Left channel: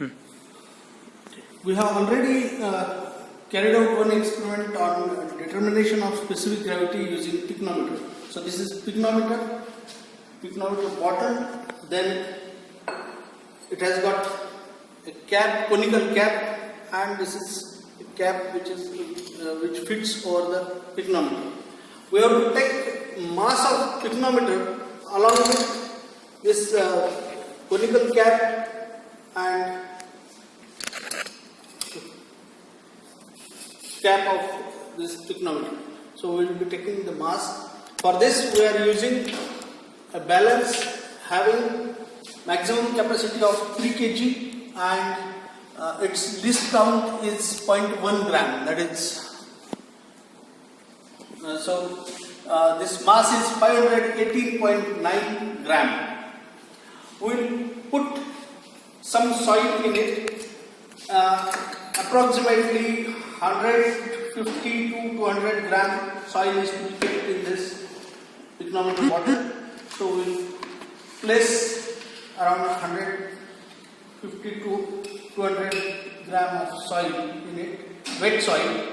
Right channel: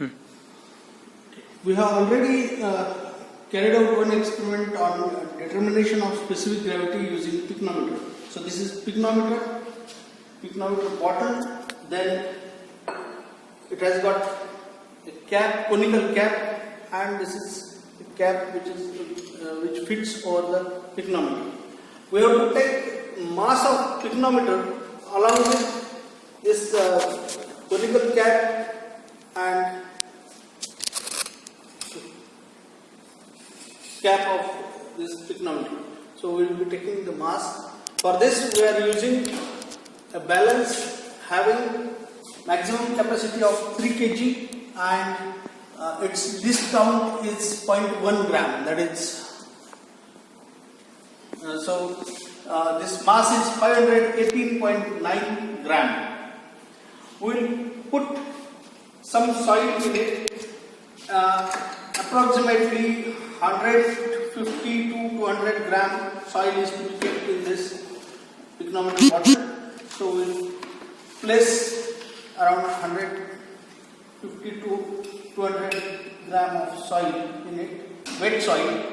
We have already carried out one experiment on determination of specific gravity using pycnometer. So this is pycnometer bottle, then it has got a cap, conical cap, and this is a cap which fits over the pycnometer. We have to take mass of pycnometer along with this conical cap and cap of this pycnometer. So we will be taking the mass. For this we are using a balance having maximum capacity of 3 kg and its least count is 0.1 gram. That is this mass is 518.9 gram. We will put some soil in it, approximately 150 to 200 gram soil is to be kept in this pycnometer bottle. So we will place around 150 to 200 gram of soil in it, wet soil,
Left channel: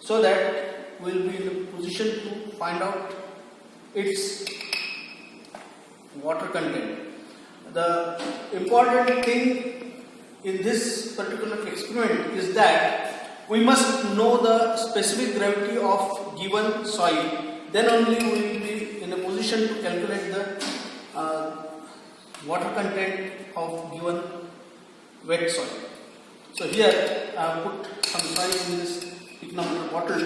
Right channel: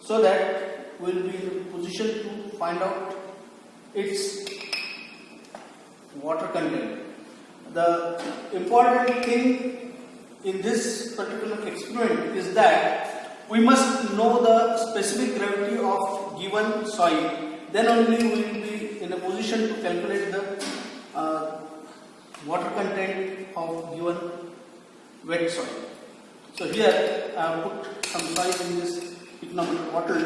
so that we will be in a position to find out its water content. The important thing in this particular experiment is that we must know the specific gravity of given soil. Then only we will be in a position to calculate the water content of given wet soil. So here I have put some soil in this pycnometer bottle.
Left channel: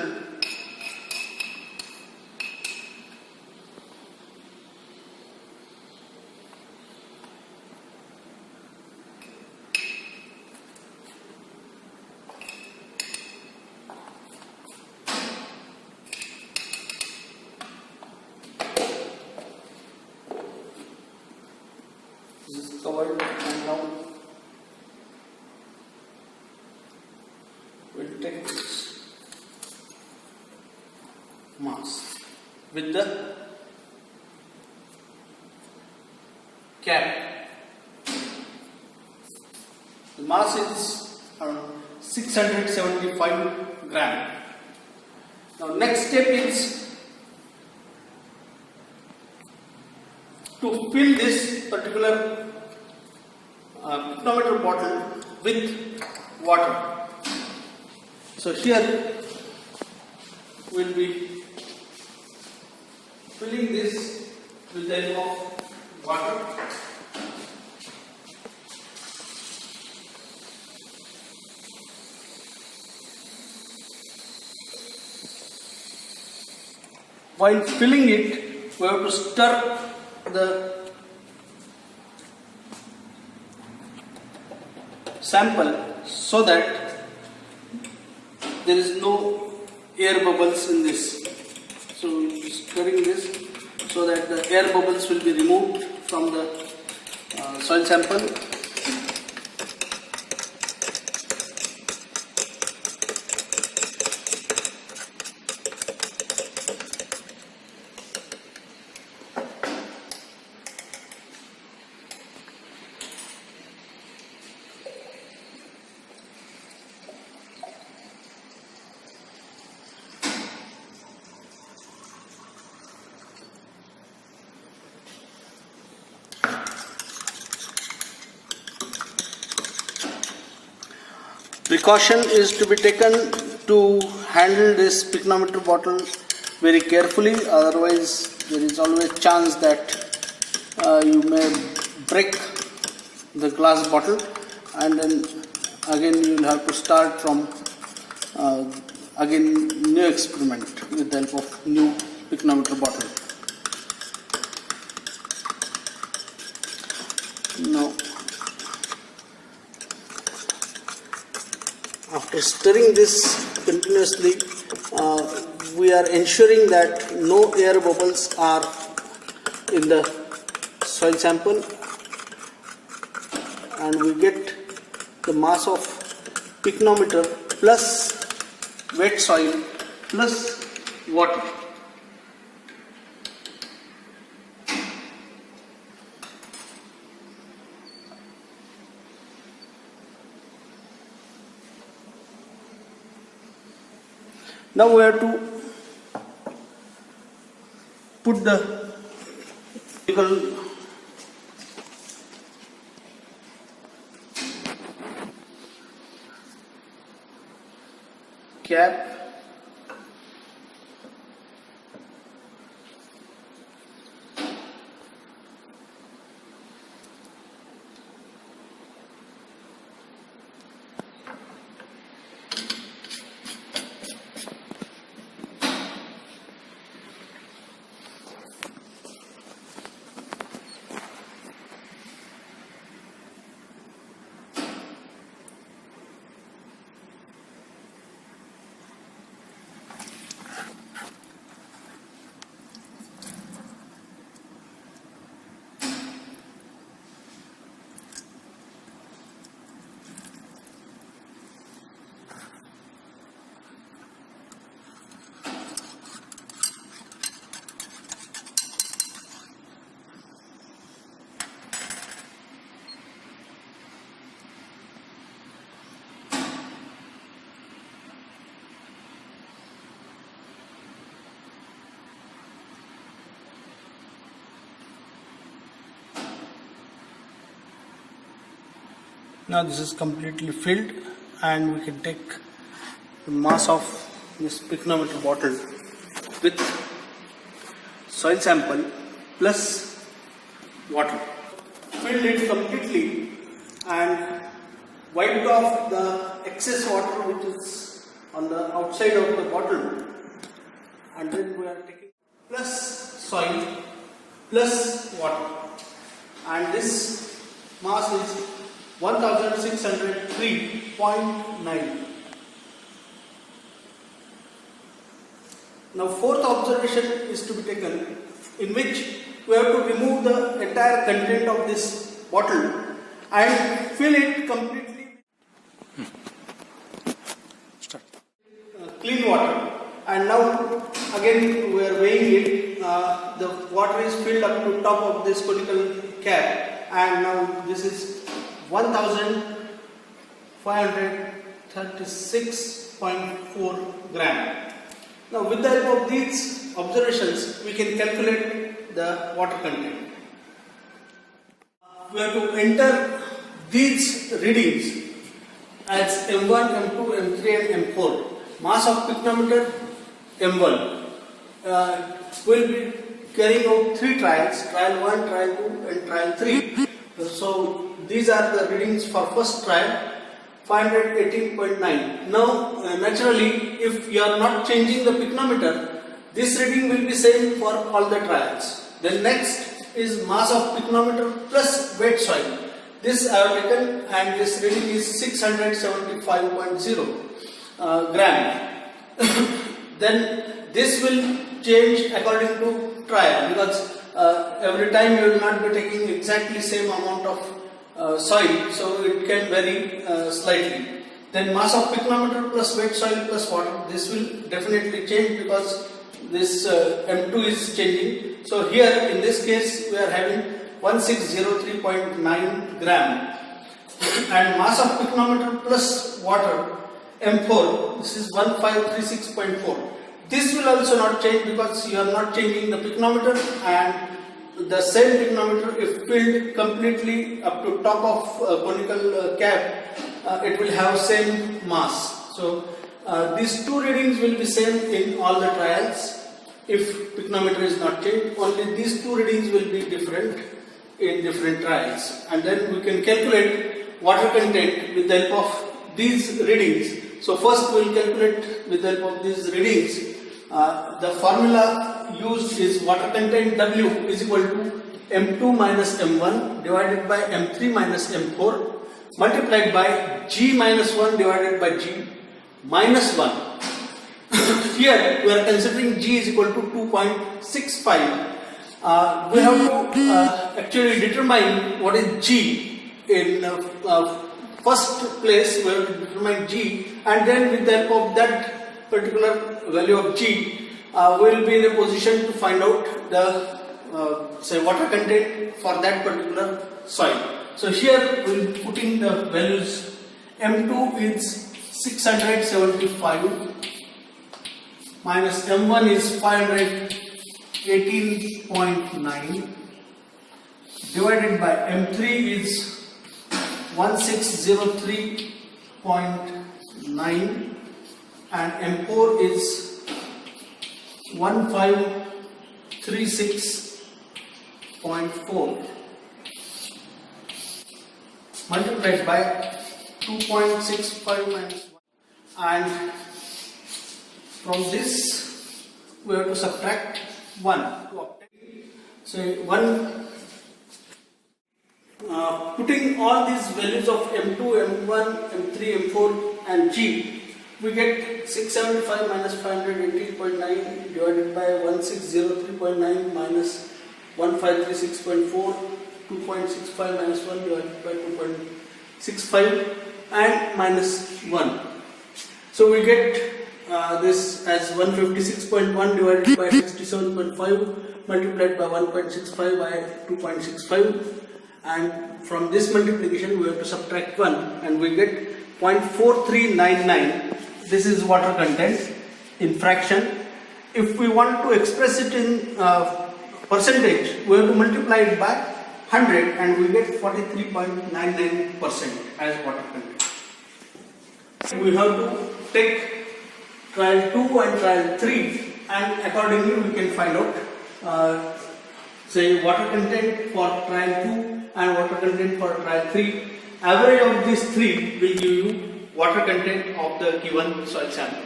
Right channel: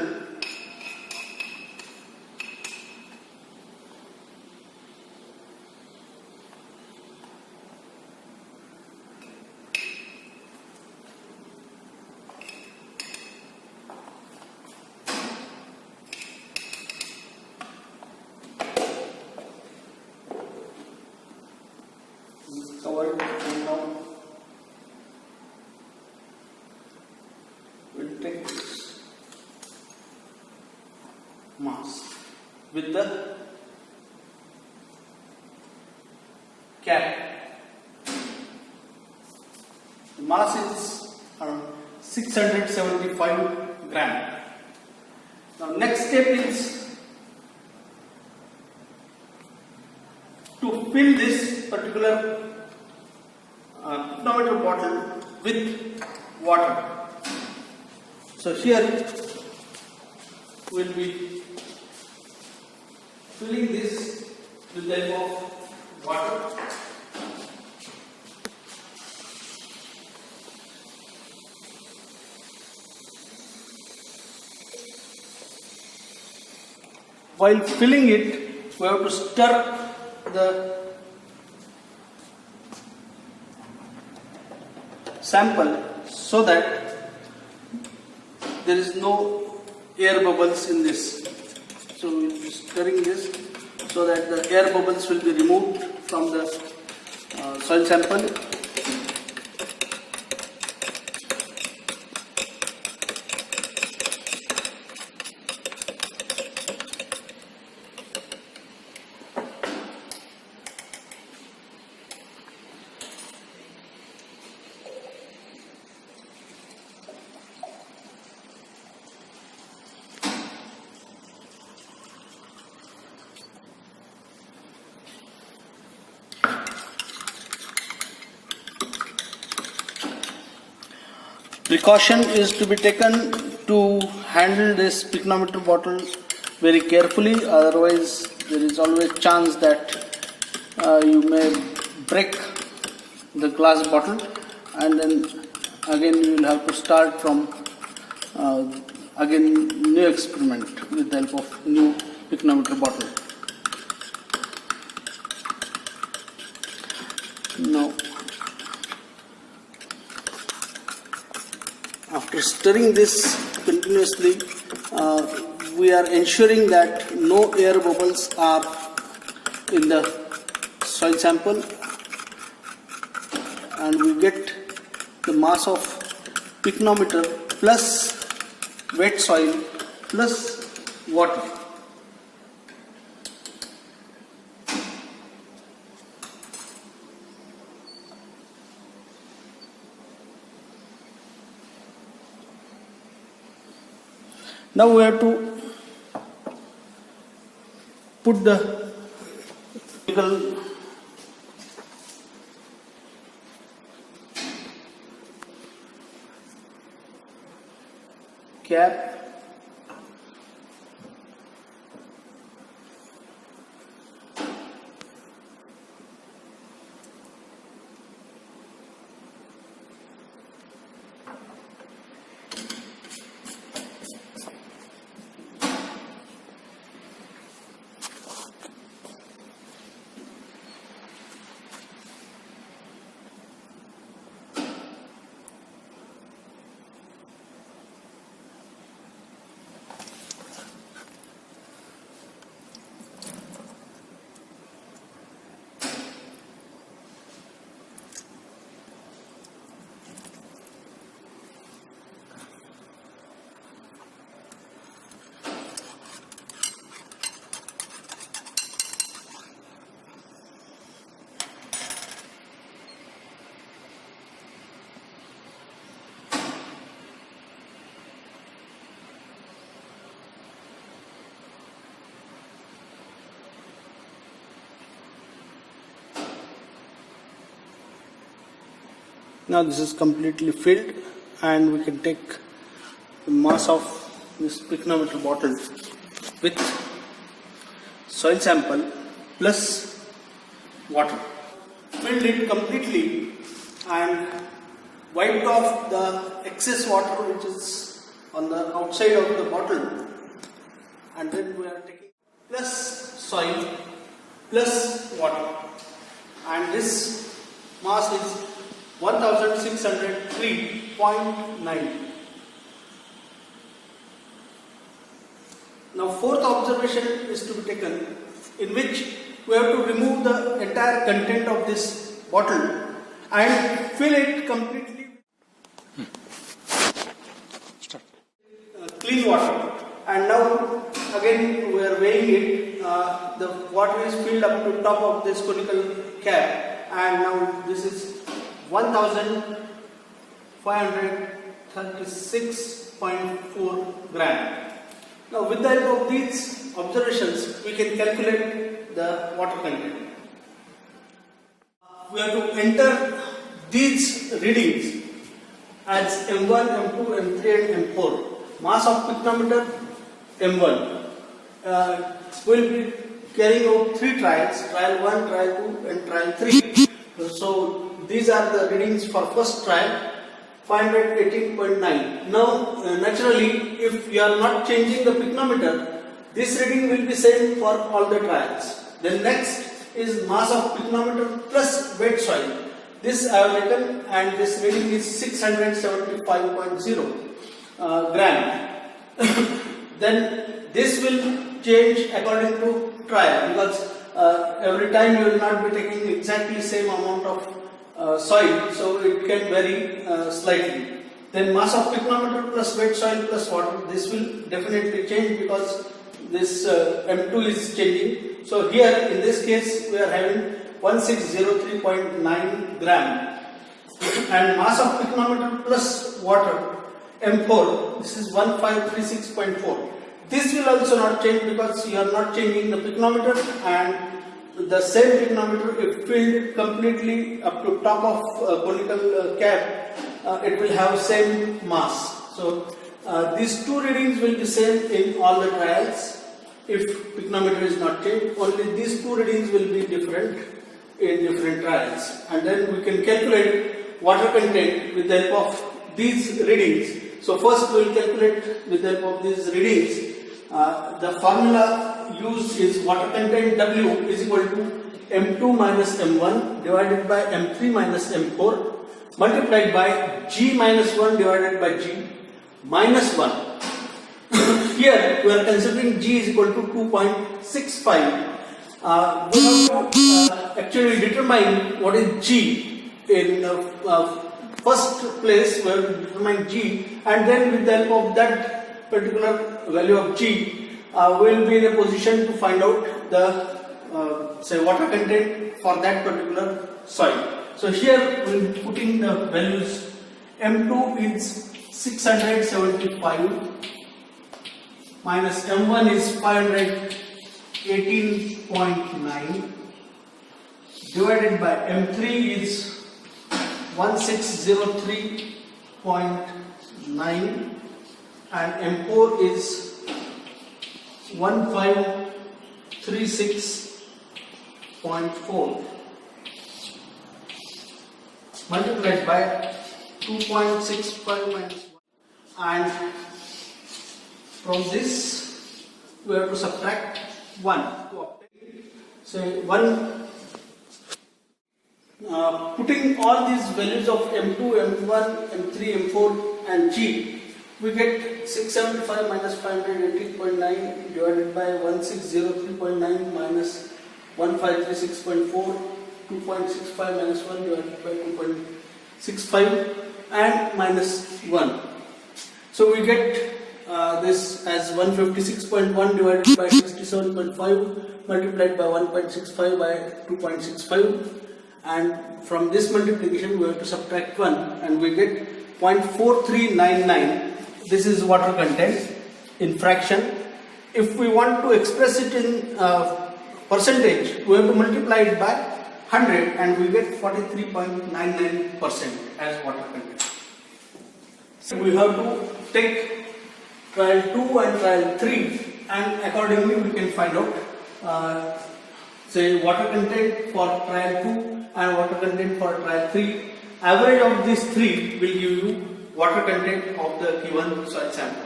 This is covered and now we will take this mass with the cap. The mass is around 675 gram. Now next step is to fill this particular pycnometer bottle with water. So here we will be filling this with the help of water. While filling it, we have to stir the sample so that there is no air bubbles in this. So we will be stirring this so that the air bubbles will be removed from the soil sample. Precaution is to be taken to handle this pycnometer bottle very carefully, otherwise there is always chance that you may break the glass bottle, and then again you will have to start from again new experiment with the help of new pycnometer bottle. Now after stirring this continuously, we are ensuring that no air bubbles are in the soil sample, and we get the mass of pycnometer plus wet soil plus water. Now we have to put the cap Now this is completely filled, and we can take the mass of this pycnometer bottle with soil sample plus water. Filled it completely and wiped off the excess water which is on the outside of the bottle, and then we are taking plus soil plus water, and this mass is 1603.9. Now fourth observation is to be taken, in which we have to remove the entire content of this bottle and fill it completely with clean water. And now again we are weighing it. The water is filled up to top of this conical cap, and now this is 1536.4 gram. Now with the help of these observations, we can calculate the water content. We have to enter these readings as M1, M2, M3 and M4. Mass of pycnometer M1. Will be carrying out 3 trials, trial 1, trial 2 and trial 3. So these are the readings for first trial, 518.9. Now naturally, if you are not changing the pycnometer, this reading will be same for all the trials. Then next is mass of pycnometer plus wet soil. This I have taken, and this reading is 675.0 gram. Then this will change according to trial, because every time you will not be taking exactly same amount of soil, so it can vary slightly. Then mass of pycnometer plus wet soil plus water, this will definitely change because this M2 is changing. So here in this case we are having 1603.9 gram. And mass of pycnometer plus water M4, this is 1536.4. This will also not change because you are not changing the pycnometer, and the same pycnometer, if filled completely up to top of conical cap, it will have same mass. So these two readings will be same in all the trials. If pycnometer is not changed, only these two readings will be different in different trials. And then we can calculate water content with the help of these readings. So first we will calculate with the help of these readings. The formula used is water content W is equal to M2 minus M1 divided by M3 minus M4 multiplied by G minus 1 divided by G minus 1. Here we are considering G is equal to 2.65. We have to actually determine what is G. In first place we have to determine G, and then with the help of that particular value of G, we will be in a position to find out the say water content for that particular soil. So here we will be putting the values. M2 is 675 minus M1 is 518.9 divided by M3 is 1603.9 and M4 is 1536.4 multiplied by 2.65 minus 1, and from this we have to subtract 1 to obtain. So putting all these values of M2, M1, M3, M4 and G, we get 675 minus 518.9 divided by 1603.9 minus 1536.4, 2.65 minus 1 divided by 2.65 and minus 1. So we get this as 156.1 divided by 67.5 multiplied by 1.65 by 2.65, and from this multiplication we have to subtract 1 and we get 0.4399. This is water content in fraction. If we want to express it in percentage, we have to multiply it by 100 and we get 43.99% as water content. We have to take trial 2 and trial 3 and accordingly we can find out say water content for trial 2 and water content for trial 3. Average of these three will give you water content of the given soil sample.